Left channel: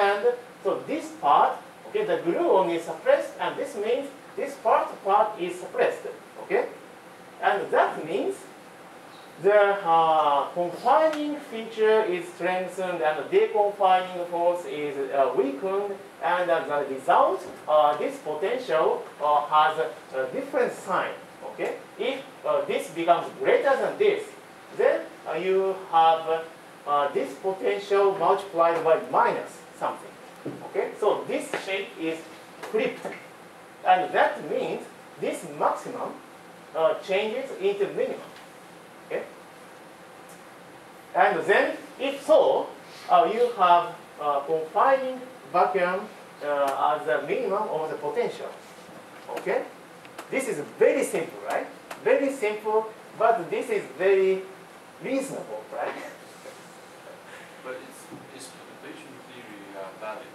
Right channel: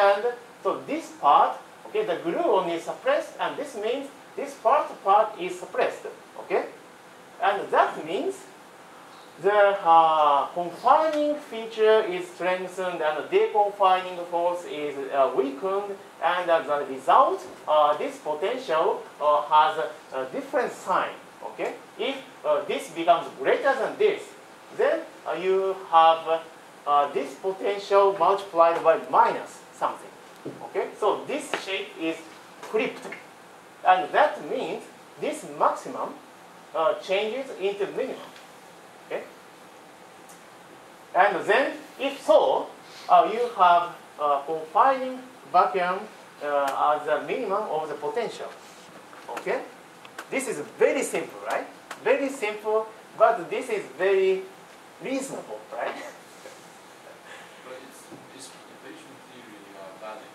hand, so this part, okay, the gluon is suppressed, and this means this part is suppressed, okay? And that means the confining feature is strengthened and the deconfining force is weakened, and as a result, this potential has a different sign, okay? If this becomes greater than this, then you have this potential multiplied by minus something, okay? So this shape is flipped, and that means this maximum changes into minimum, okay? And then, if so, you have confining vacuum as a minimum of the potential, okay? This is very simple, right? Very simple, but this is very reasonable, right? But is perturbation theory valid?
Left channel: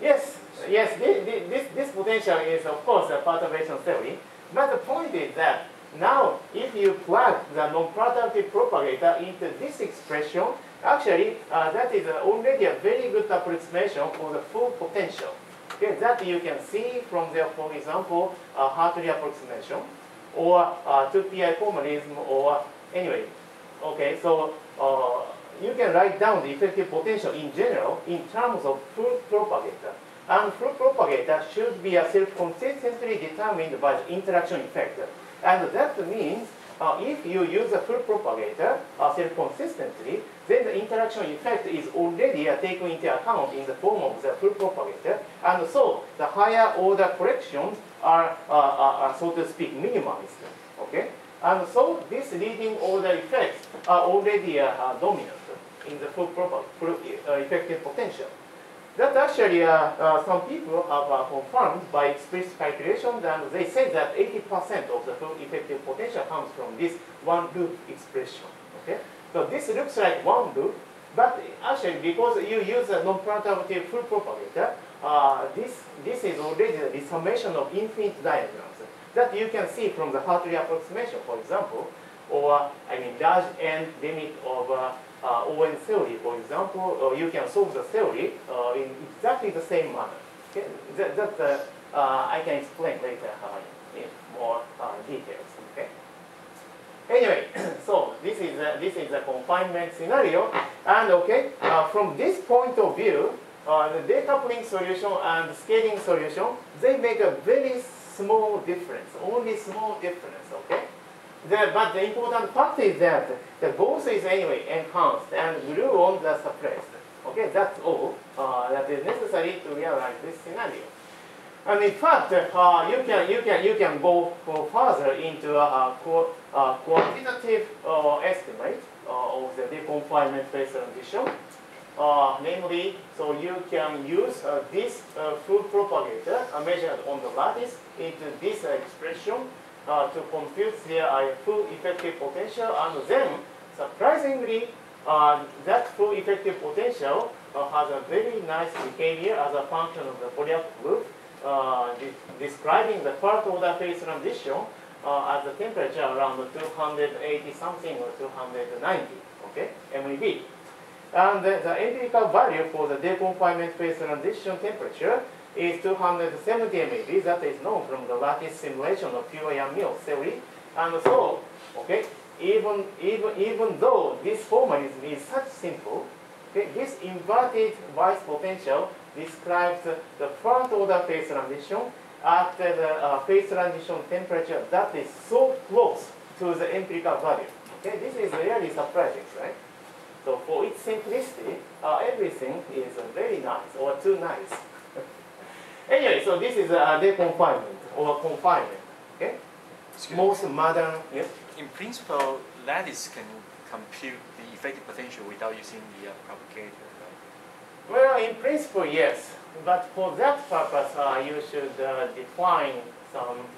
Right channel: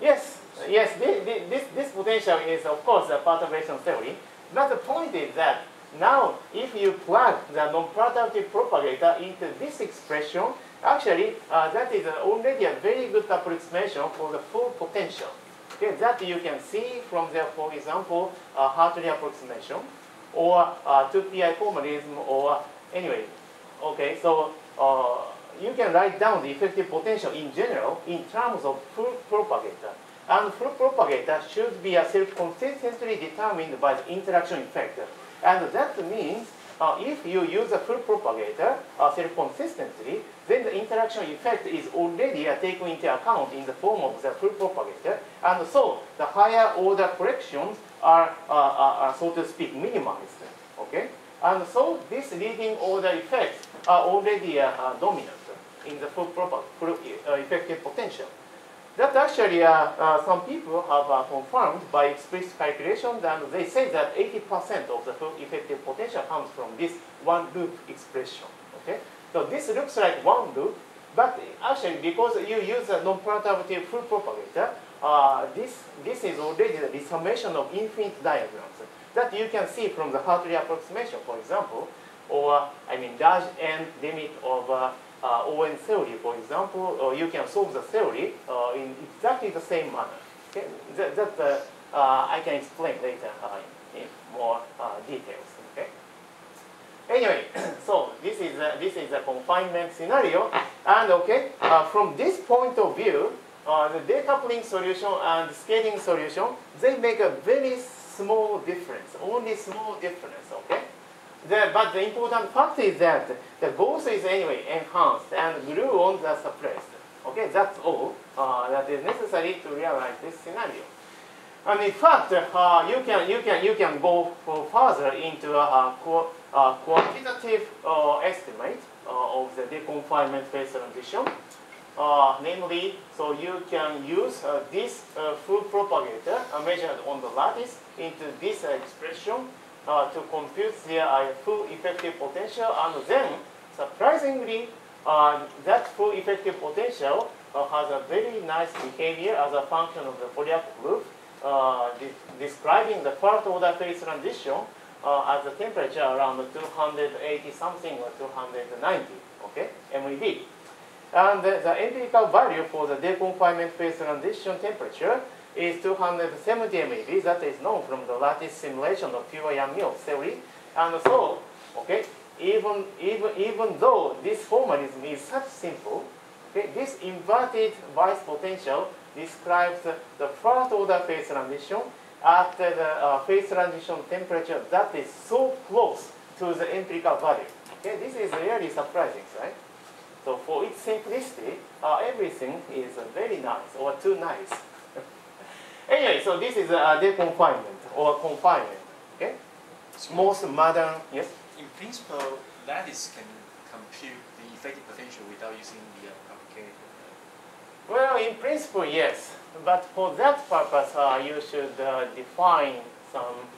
Yes, yes. This potential is, of course, a perturbation theory. But the point is that now, if you plug the non-perturbative propagator into this expression, actually, that is already a very good approximation for the full potential. Okay, that you can see from the, for example, Hartley approximation, or 2pi formalism, or anyway. Okay, so you can write down the effective potential in general in terms of full propagator. And full propagator should be self-consistently determined by the interaction effect. And that means if you use a full propagator self-consistently, then the interaction effect is already taken into account in the form of the full propagator. And so the higher order corrections are so to speak, minimized. Okay? And so these leading order effects are already dominant in the full effective potential. That actually some people have confirmed by explicit calculations, and they say that 80% of the full effective potential comes from this one loop expression. Okay, so this looks like one loop, but actually because you use a non-perturbative full propagator, this is already the summation of infinite diagrams that you can see from the Hartley approximation, for example, or I mean large n limit of ON theory, for example, you can solve the theory in exactly the same manner. Okay? That I can explain later in more details. Okay. Anyway, so this is a confinement scenario, and okay, from this point of view, the decoupling solution and scaling solution, they make a very small difference, only small difference. Okay. But the important fact is that the both is anyway enhanced and gluons are suppressed. Okay, that's all that is necessary to realize this scenario. And in fact, you can go further into a quantitative estimate of the deconfinement phase transition. Namely, so you can use this full propagator measured on the lattice into this expression to compute the full effective potential, and then surprisingly, that full effective potential has a very nice behavior as a function of the Fourier proof, describing the first order phase transition at the temperature around 280 something or 290, okay, MeV. And the empirical value for the deconfinement phase transition temperature is 270 MeV. That is known from the lattice simulation of Yang-Mills theory. And so, okay, even though this formalism is such simple, okay, this inverted bias potential describes the first order phase transition at the phase transition temperature that is so close to the empirical value. Okay, this is really surprising, right? So for its simplicity, everything is very nice or too nice. Anyway, so this is deconfinement or confinement. Okay, most modern, yes. In principle, lattice can compute the effective potential without using the propagator. Well, in principle, yes. But for that purpose, you should define some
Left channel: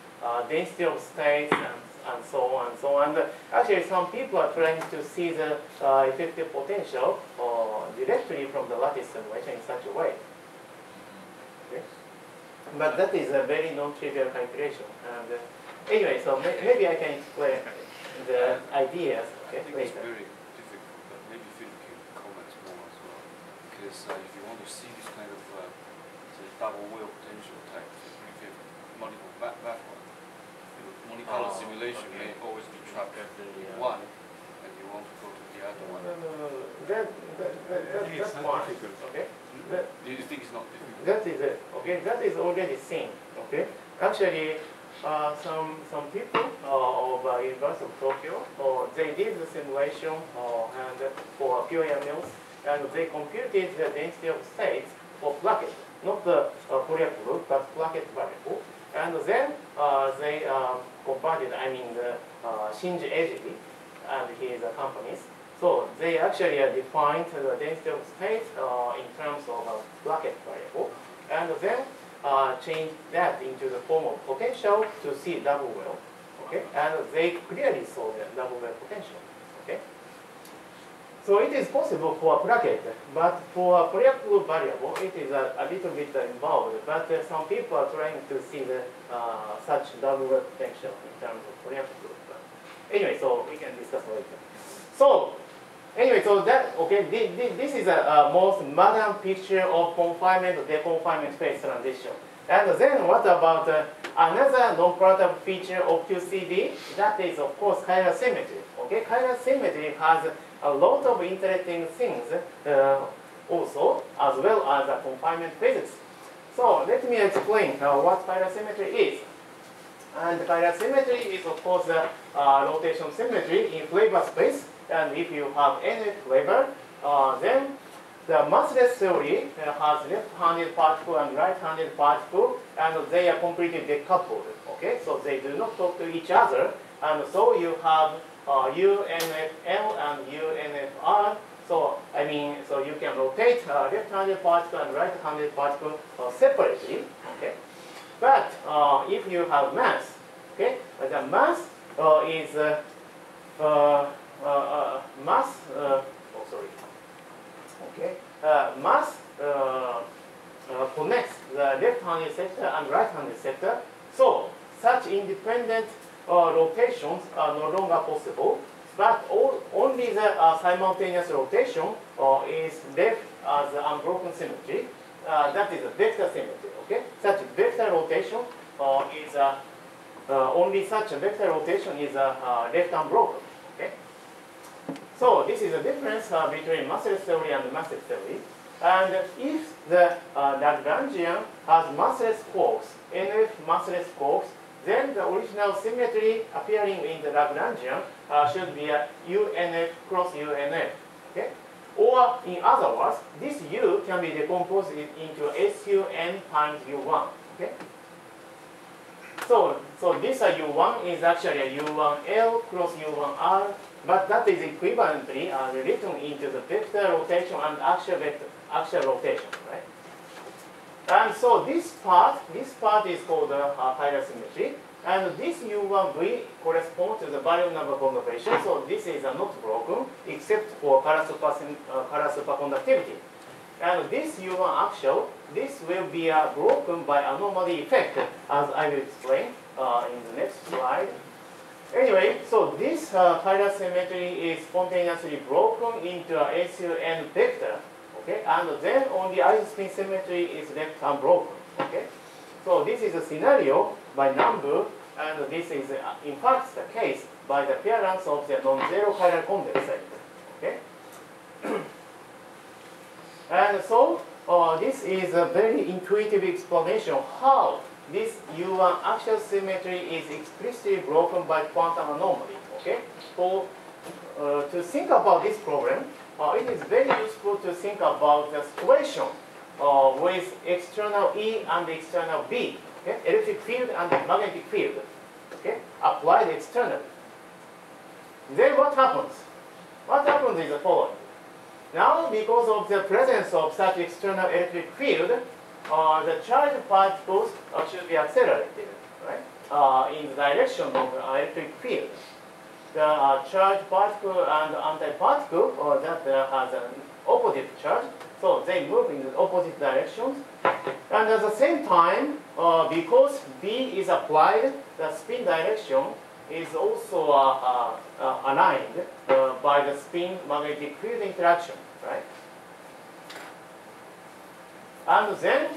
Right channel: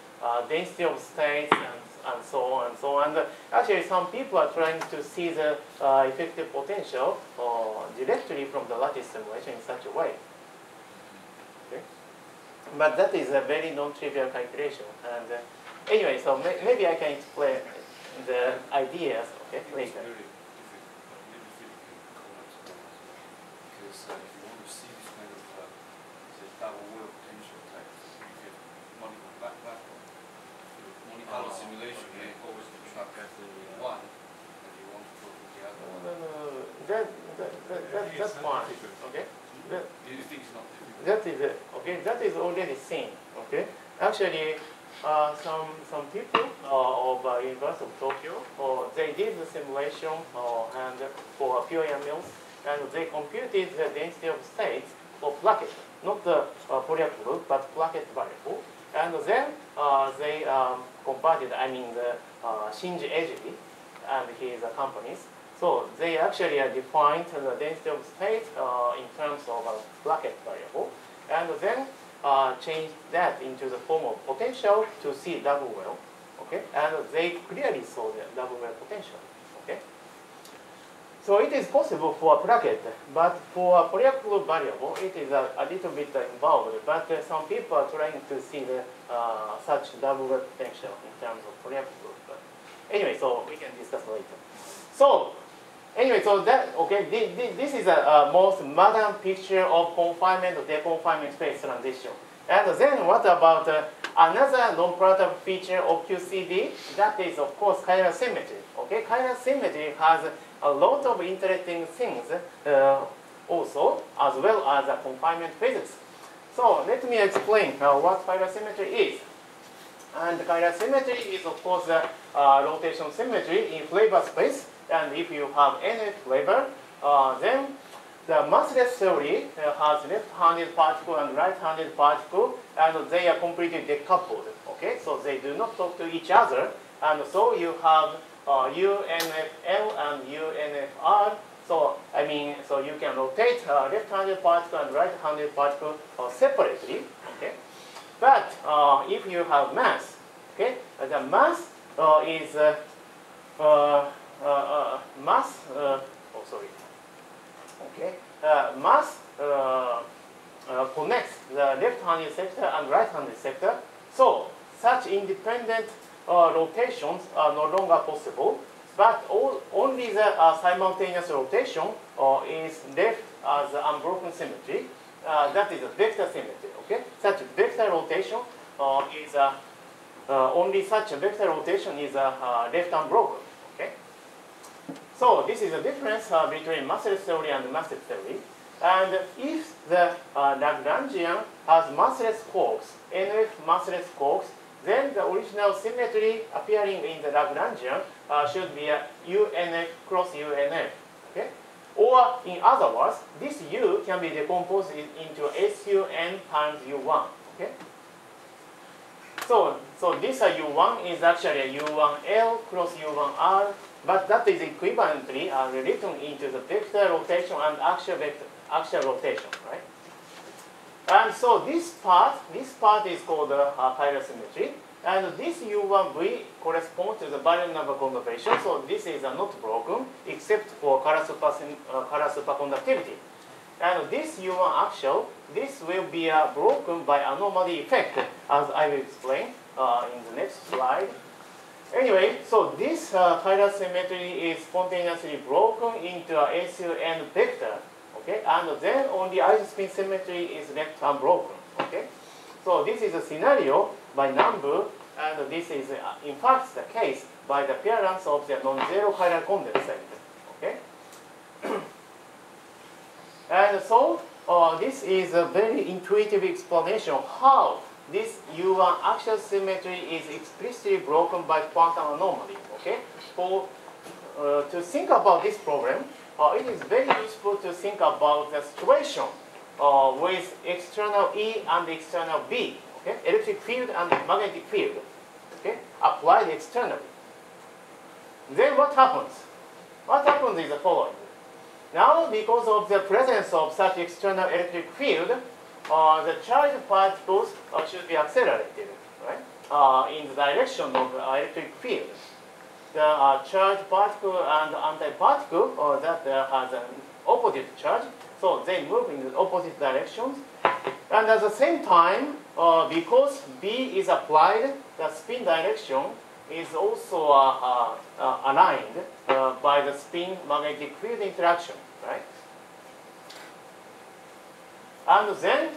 density of states and so on and so on. And actually, some people are trying to see the effective potential directly from the lattice simulation in such a way. Okay. But that is a very non-trivial calculation. And anyway, so maybe I can explain the ideas later. It's very difficult, but maybe Philip can comment more as well. Because if you want to see this kind of simulation may always be trapped at one, and you want to go to the other one. No. That's fine. Okay. Do you think it's not difficult? That is it. Okay. That is already seen. Okay. Actually, some people of University of Tokyo, they did the simulation and for Peoria mills, and they computed the density of states for placket, not the Fourier proof, but placket variable. And then they converted, the Shinji Eiji and his companies. So they actually defined the density of state in terms of a placket variable, and then changed that into the form of potential to see double well. Okay, and they clearly saw the double well potential. Okay. So it is possible for a placket, but for a Fourier proof variable, it is a little bit involved. But some people are trying to see the such double well potential in terms of Fourier proof. Anyway, so we can discuss later. So anyway, so that this is a most modern picture of confinement or deconfinement phase transition. And then what about another non-product feature of QCD? That is, of course, chiral symmetry. Okay, chiral symmetry has a lot of interesting things also, as well as confinement physics. So let me explain what chiral symmetry is. And chiral symmetry is, of course, rotation symmetry in flavor space. And if you have any flavor, then the massless theory has left-handed particle and right-handed particle, and they are completely decoupled. Okay, so they do not talk to each other, and so you have UNFL and UNFR. So so you can rotate left-handed particle and right-handed particle separately. Okay, but if you have mass, okay, the mass is mass. Mass connects the left-handed sector and right-handed sector. So such independent rotations are no longer possible, but only the simultaneous rotation is left as unbroken symmetry. That is a vector symmetry. Okay, such vector rotation is only such a vector rotation is left unbroken. Okay. So this is the difference between massless theory and massless theory. And if the Lagrangian has massless quarks, NF massless quarks, then the original symmetry appearing in the Lagrangian should be a UNF cross UNF. Okay? Or in other words, this U can be decomposed into SUN times U1. Okay? So this U1 is actually a U1L cross U1R, but that is equivalently written into the vector rotation and actual rotation, right? And so this part is called chiral symmetry, and this U1V corresponds to the value number conservation. So this is not broken except for color superconductivity. And this U1 actual, this will be broken by anomaly effect, as I will explain in the next slide. Anyway, so this chiral symmetry is spontaneously broken into a SUN vector, okay? And then only isospin symmetry is left unbroken, okay? So this is a scenario by number, and this is in fact the case by the appearance of the non-zero chiral condensate, okay? And so this is a very intuitive explanation of how this U1 actual symmetry is explicitly broken by quantum anomaly. Okay, to think about this problem, it is very useful to think about the situation with external E and external B. Okay, electric field and magnetic field. Okay, applied externally. Then what happens? What happens is the following. Now, because of the presence of such external electric field, the charged particles should be accelerated, right? In the direction of the electric field. The charged particle and antiparticle that has an opposite charge, so they move in the opposite directions. And at the same time, because B is applied, the spin direction is also aligned by the spin magnetic field interaction, right? And then,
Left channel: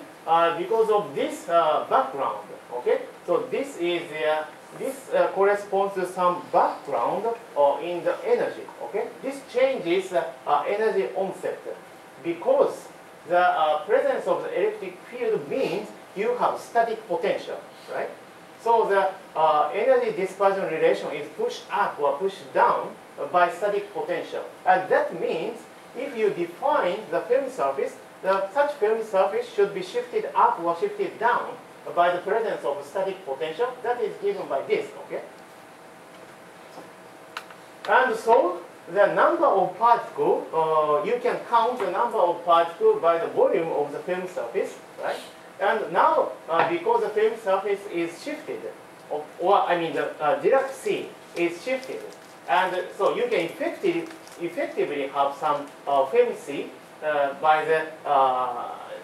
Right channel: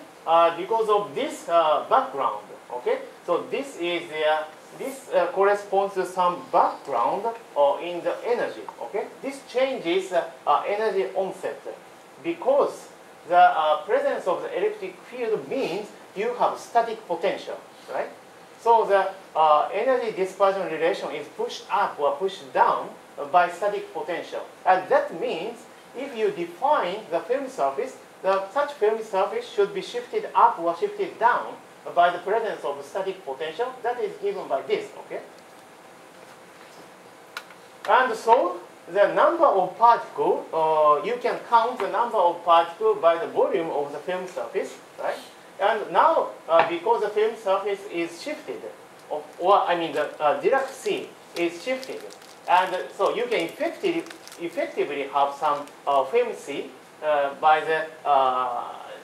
because of this background, okay, so this is this corresponds to some background in the energy. Okay, this changes energy onset because the presence of the electric field means you have static potential, right? So the energy dispersion relation is pushed up or pushed down by static potential, and that means if you define the film surface, such film surface should be shifted up or shifted down by the presence of static potential. That is given by this, okay? And so the number of particles, you can count the number of particles by the volume of the film surface, right? And now, because the film surface is shifted, the Dirac sea is shifted, and so you can effectively have some film sea by the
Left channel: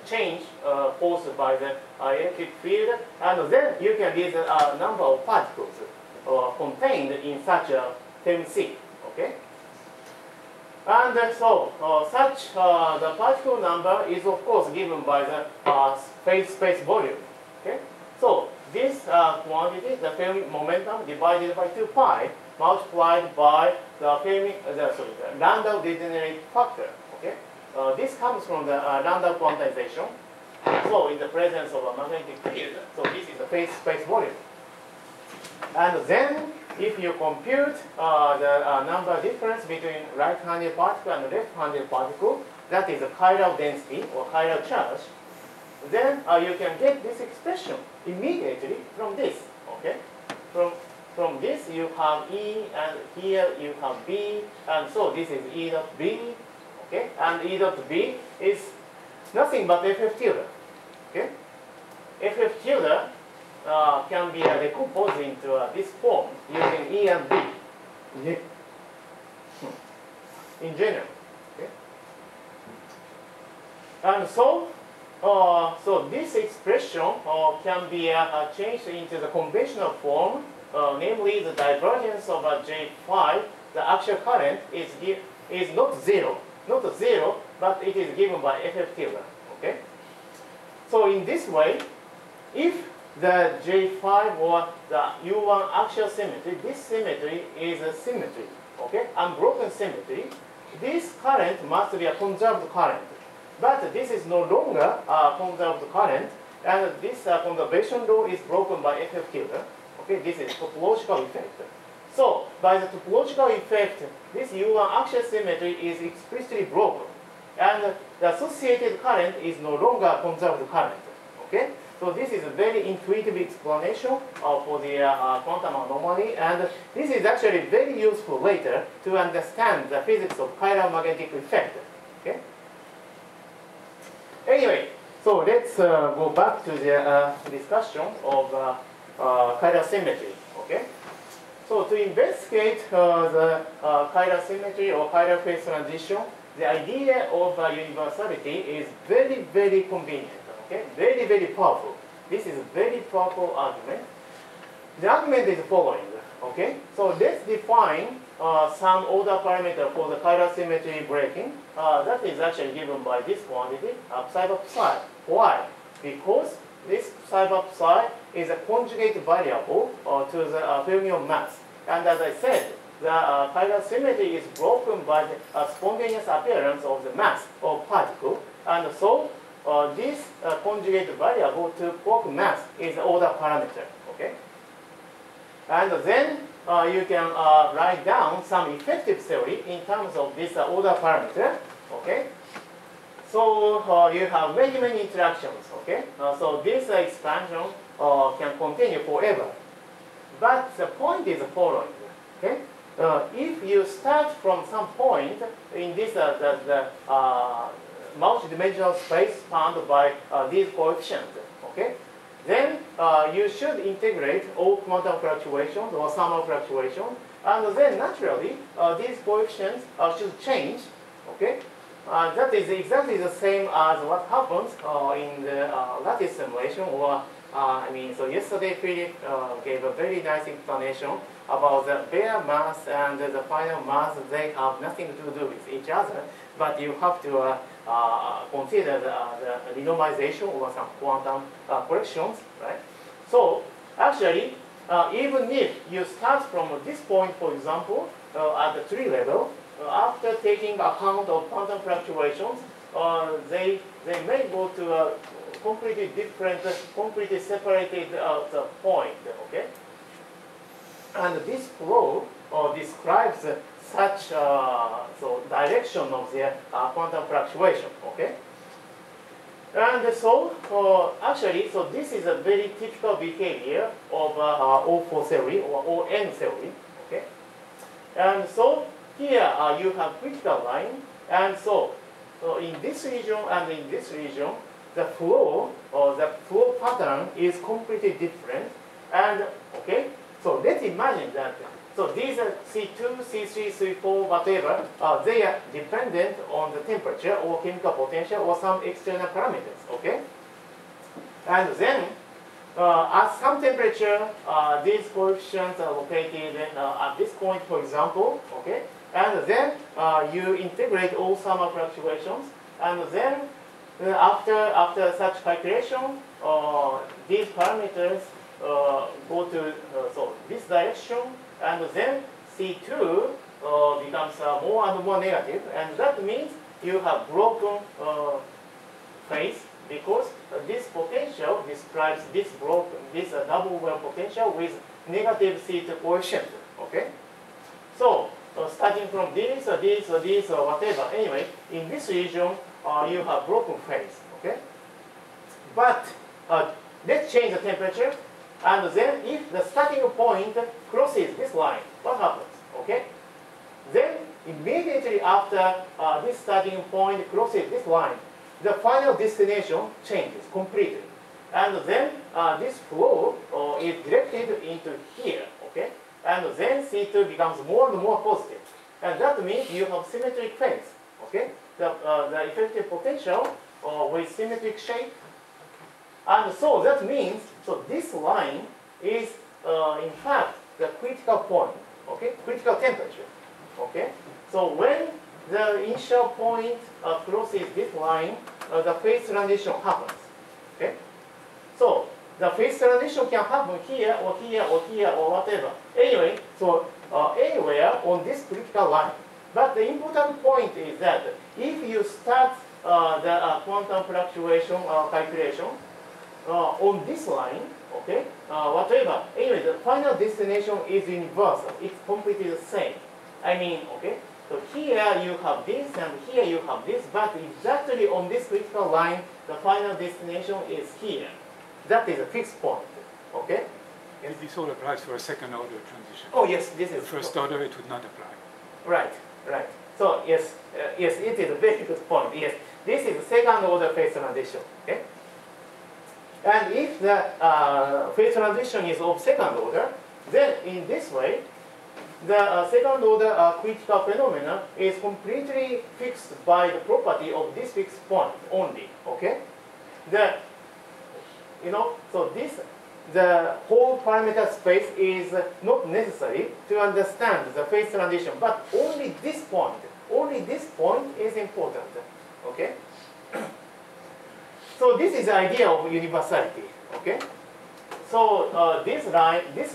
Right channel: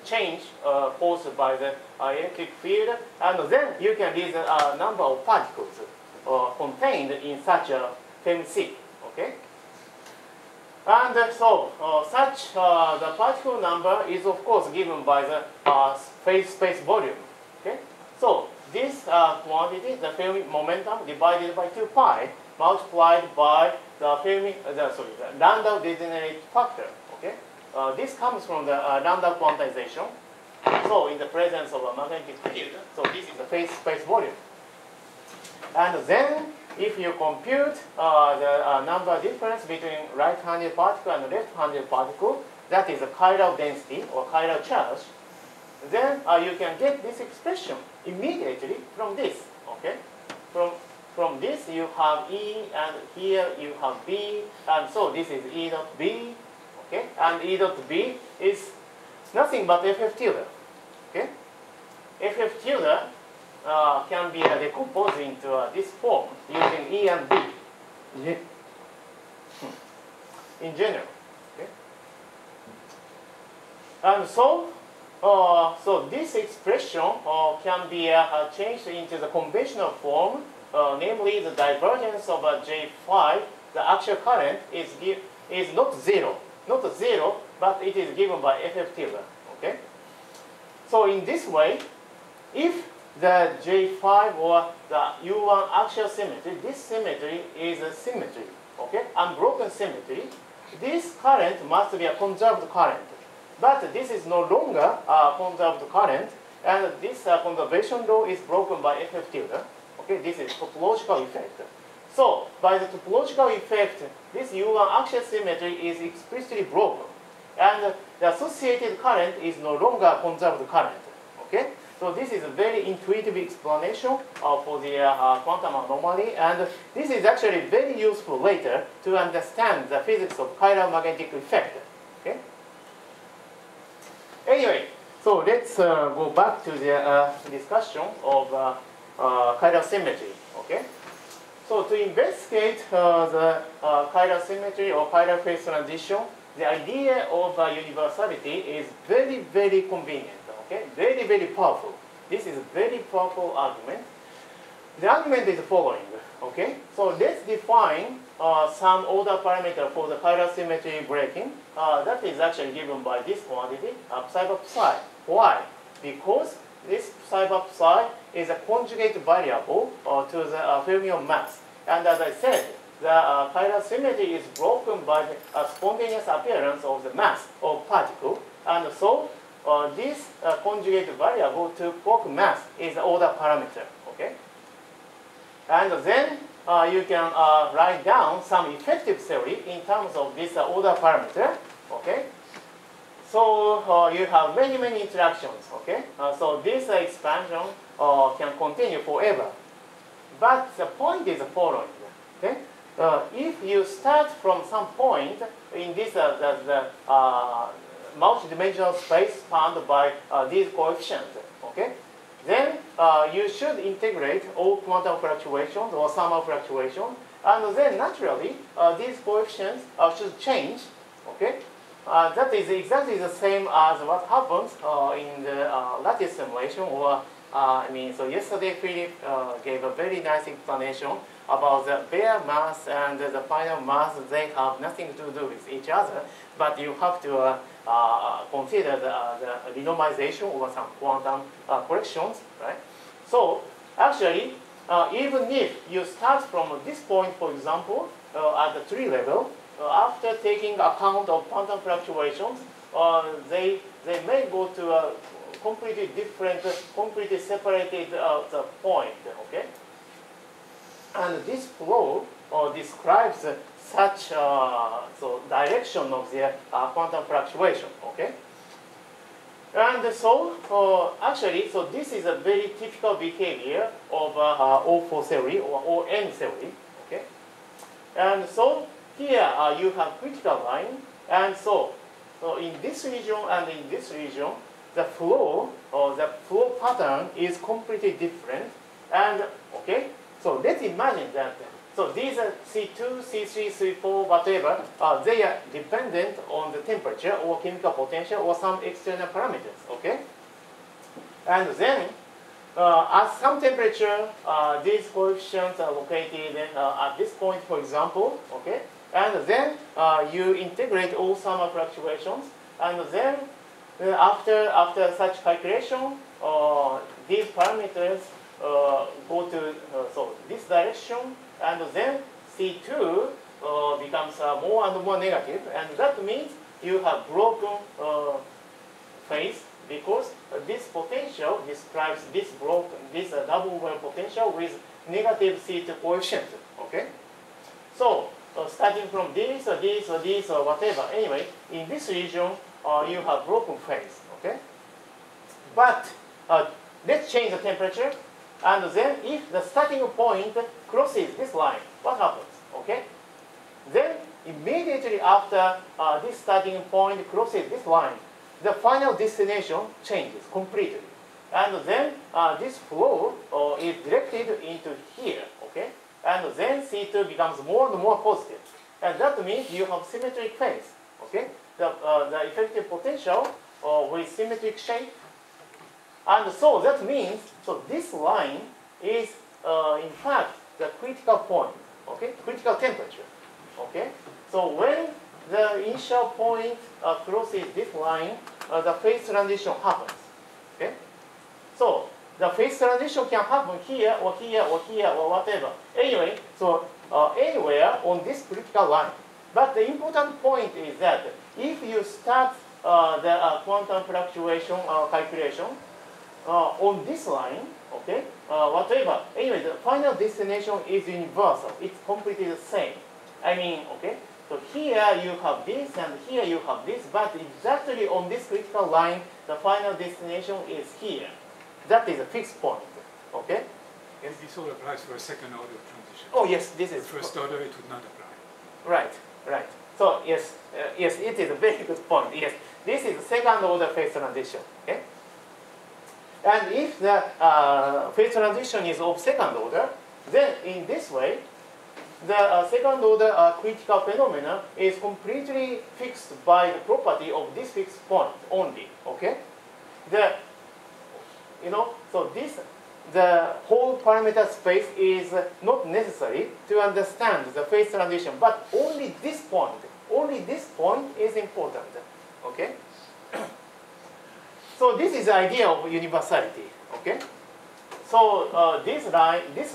change forced by the electric field, and then you can read the number of particles contained in such a film sea. Okay, and so such the particle number is of course given by the phase space volume. Okay, so this quantity, the film momentum divided by 2 pi multiplied by the Landau degenerate factor. Okay, this comes from the Landau quantization. So in the presence of a magnetic field, so this is the phase space volume. And then if you compute the number difference between right-handed particle and left-handed particle, that is a chiral density or chiral charge, then you can get this expression immediately from this. Okay, from this you have E, and here you have B, and so this is E dot B. Okay, and E dot B is nothing but FF tilde. Okay, FF tilde can be decomposed into this form using E and B. Yeah. In general. Okay. And so, so this expression can be changed into the conventional form, namely the divergence of J5. The actual current is not zero, but it is given by FF tilde. Okay. So in this way, if the J5 or the U1 axial symmetry, this symmetry is a symmetry, okay, unbroken symmetry. This current must be a conserved current, but this is no longer a conserved current, and this conservation law is broken by FF tilde. Okay, this is topological effect. So by the topological effect, this U1 axial symmetry is explicitly broken, and the associated current is no longer a conserved current. Okay. So this is a very intuitive explanation for the quantum anomaly, and this is actually very useful later to understand the physics of chiral magnetic effect. Okay. Anyway, so let's go back to the discussion of chiral symmetry. Okay. So to investigate the chiral symmetry or chiral phase transition, the idea of universality is very, very convenient. Okay, very, very powerful. This is a very powerful argument. The argument is the following. Okay, so let's define some order parameter for the chiral symmetry breaking. That is actually given by this quantity, psi bar psi. Why? Because this psi bar psi is a conjugate variable to the fermion mass. And as I said, the chiral symmetry is broken by the spontaneous appearance of the mass of particle, and so this conjugate variable to quark mass is the order parameter. Okay, and then you can write down some effective theory in terms of this order parameter. Okay, so you have many interactions. Okay, so this expansion can continue forever. But the point is the following. Okay, if you start from some point in this multi-dimensional space bound by these coefficients, okay, then you should integrate all quantum fluctuations or thermal fluctuations, and then naturally these coefficients should change. Okay, that is exactly the same as what happens in the lattice simulation, or so yesterday Philip gave a very nice explanation about the bare mass and the final mass. They have nothing to do with each other, but you have to consider the renormalization or some quantum corrections, right? So actually, even if you start from this point, for example, at the tree level, after taking account of quantum fluctuations, they may go to a completely different, completely separated the point. Okay, and this flow describes such so direction of the quantum fluctuation. Okay. And so, actually, so this is a very typical behavior of O4 theory or ON theory, okay? And so here you have critical line, and so in this region and in this region, the flow or the flow pattern is completely different. And okay, so let's imagine that. So these are C2, C3, C4, whatever, they are dependent on the temperature or chemical potential or some external parameters, okay? And then at some temperature, these coefficients are located at this point, for example, okay? And then you integrate all thermal fluctuations, and then after such calculation, these parameters go to so this direction, and then C2 becomes more and more negative, and that means you have broken phase because this potential describes this double well potential with negative C2 coefficient. Okay, so starting from this or this or this or whatever. Anyway, in this region you have broken phase. Okay, but let's change the temperature. And then if the starting point crosses this line, what happens? Okay? Then immediately after this starting point crosses this line, the final destination changes completely. And then this flow is directed into here. Okay? And then C2 becomes more and more positive. And that means you have symmetric phase. Okay? The effective potential with symmetric shape. And so that means, so this line is in fact the critical point, okay, critical temperature, okay. So when the initial point crosses this line, the phase transition happens, okay. So the phase transition can happen here or here or here or whatever. Anyway, so anywhere on this critical line. But the important point is that if you start the quantum fluctuation calculation on this line, okay, whatever. Anyway, the final destination is universal. It's completely the same. I mean, okay. So here you have this, and here you have this, but exactly on this critical line, the final destination is here. That is a fixed point. Okay. Yes, this all applies for a second order transition. Oh yes, this is the first order. It would not apply. Right, right. So yes, yes, it is a very good point. Yes, this is a second order phase transition. Okay. And if the phase transition is of second order, then in this way, the second order critical phenomena is completely fixed by the property of this fixed point only. Okay, so the whole parameter space is not necessary to understand the phase transition, but only this point is important. Okay. So this is the idea of universality, okay? So this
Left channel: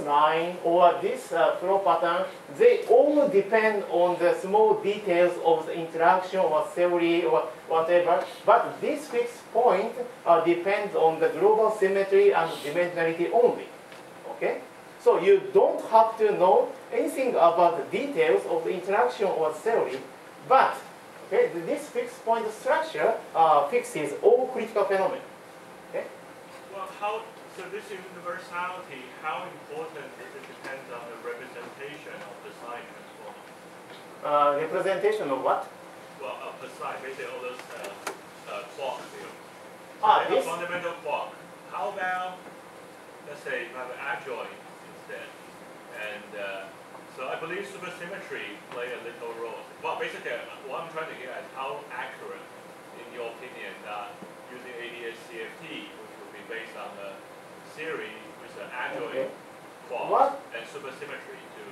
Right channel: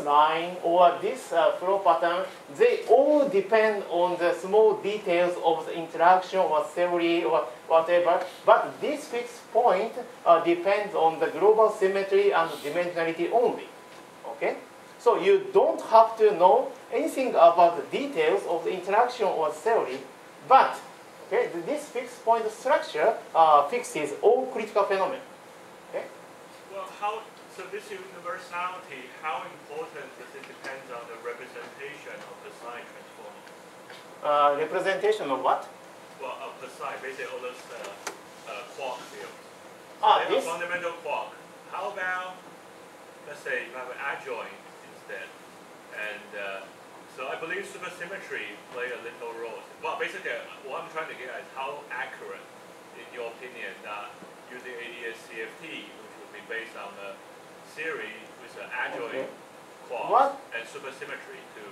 line or this flow pattern, they all depend on the small details of the interaction or theory or whatever, but this fixed point depends on the global symmetry and dimensionality only, okay? So you don't have to know anything about the details of the interaction or theory, but okay, this fixed point structure fixes all critical phenomena. Okay? Well, so this universality, how important does it depend on the representation of the sign transform? Representation of what? Well, of the sign, basically all those quark fields. This fundamental quark. How about, let's say, you have an adjoint instead, and so I believe supersymmetry play a little role. Well, basically, what I'm trying to get at is how accurate, in your opinion, that using ADS-CFT, which would be based on the theory with an adjoint quark and supersymmetry to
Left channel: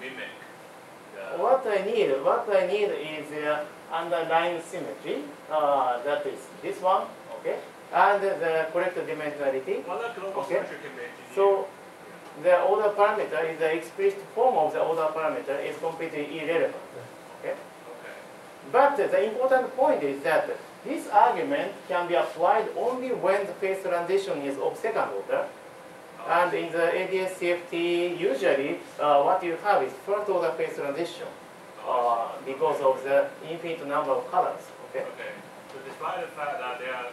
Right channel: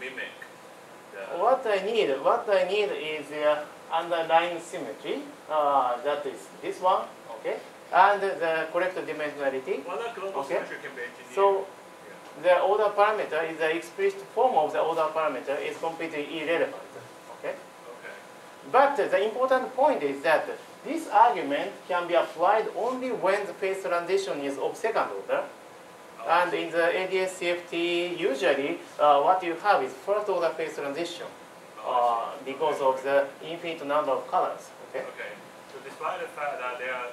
mimic the... What I need is underlying symmetry. That is this one, okay, and the correct dimensionality. Well, that global okay. symmetry can be engineered. So, the order parameter is the explicit form of the order parameter is completely irrelevant. Okay? Okay. But the important point is that this argument can be applied only when the phase transition is of second order. And in the ADS-CFT, usually what you have is first order phase transition because of the infinite number of colors. Okay. Okay. So despite the fact that there are,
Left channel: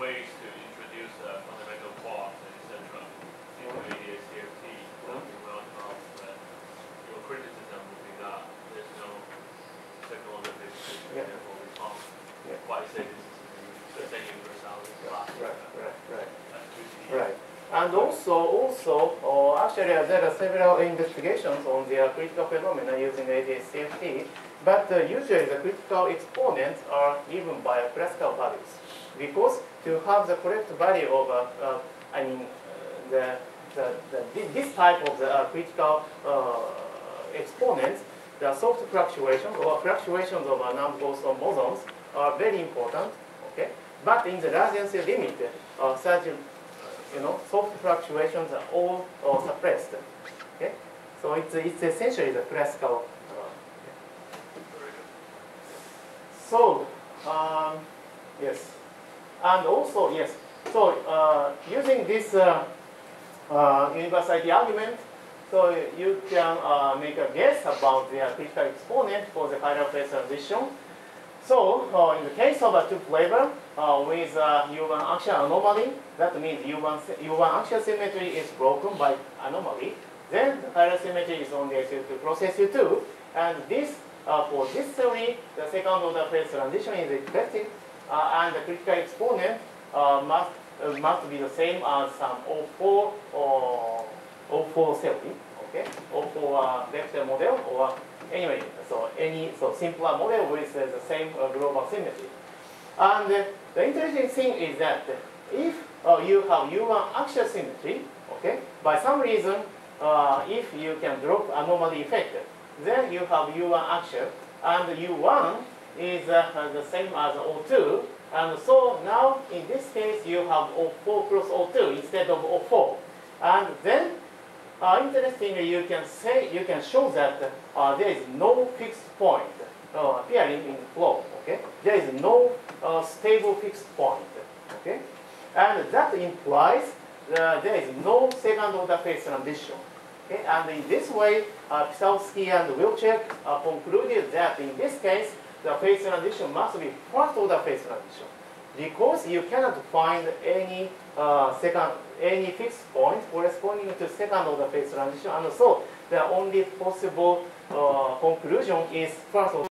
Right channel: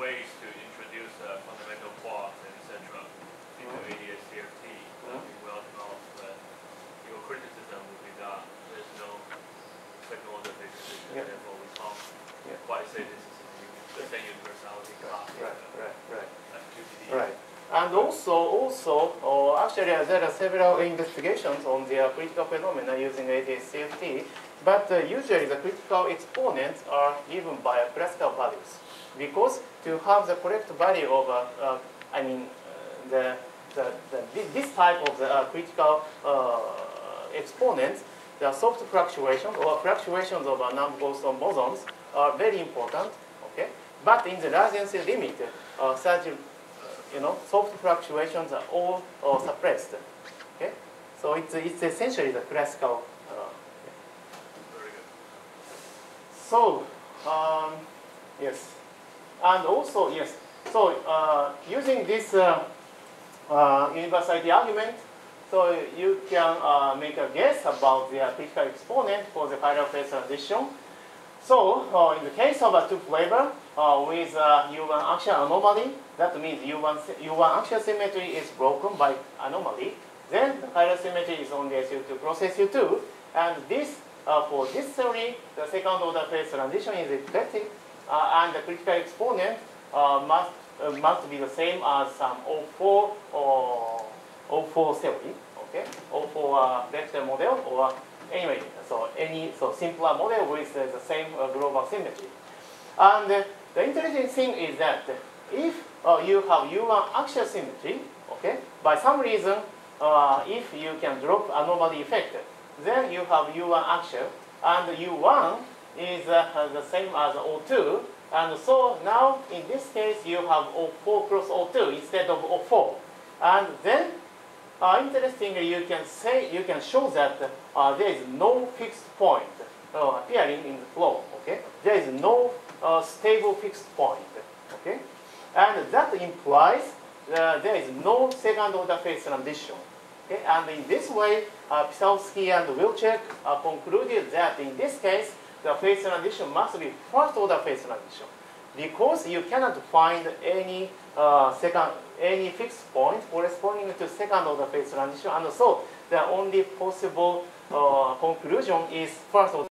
ways to introduce fundamental quarks and etc. into ADS-CFT, well enough that your criticism would be that there's no second order phase transition, therefore we can't quite say this is the same universality class. Right. And also, actually, there are several investigations on the critical phenomena using ADS-CFT, but usually the critical exponents are given by classical values. Because to have the correct value of, this type of the critical exponents, the soft fluctuations or fluctuations of non-Boston bosons are very important. Okay, but in the radiancy limit, such soft fluctuations are all suppressed. Okay, so it's essentially the classical. So yes, and also yes. So using this universality argument, so you can make a guess about the critical exponent for the chiral phase transition. So in the case of a two flavor with U1 axial anomaly, that means U1 axial symmetry is broken by anomaly. Then the chiral symmetry is on the SU2 cross SU2, and this for this theory, the second order phase transition is expected, and the critical exponent must be the same as some O4 or O4 theory, okay, O4 vector model, or anyway, so simpler model with the same global symmetry. And the interesting thing is that if you have U1 axial symmetry, okay, by some reason, if you can drop anomaly effect, then you have U1 axial, and U1 is the same as O2, and so now in this case you have O4 cross O2 instead of O4, and then interestingly you can show that there is no fixed point appearing in the flow. Okay, there is no stable fixed point. Okay, and that implies there is no second order phase transition. Okay? And in this way, Pisowski and Wilczek concluded that in this case, the phase transition must be first order phase transition, because you cannot find any fixed point corresponding to second order phase transition, and so the only possible conclusion is first order.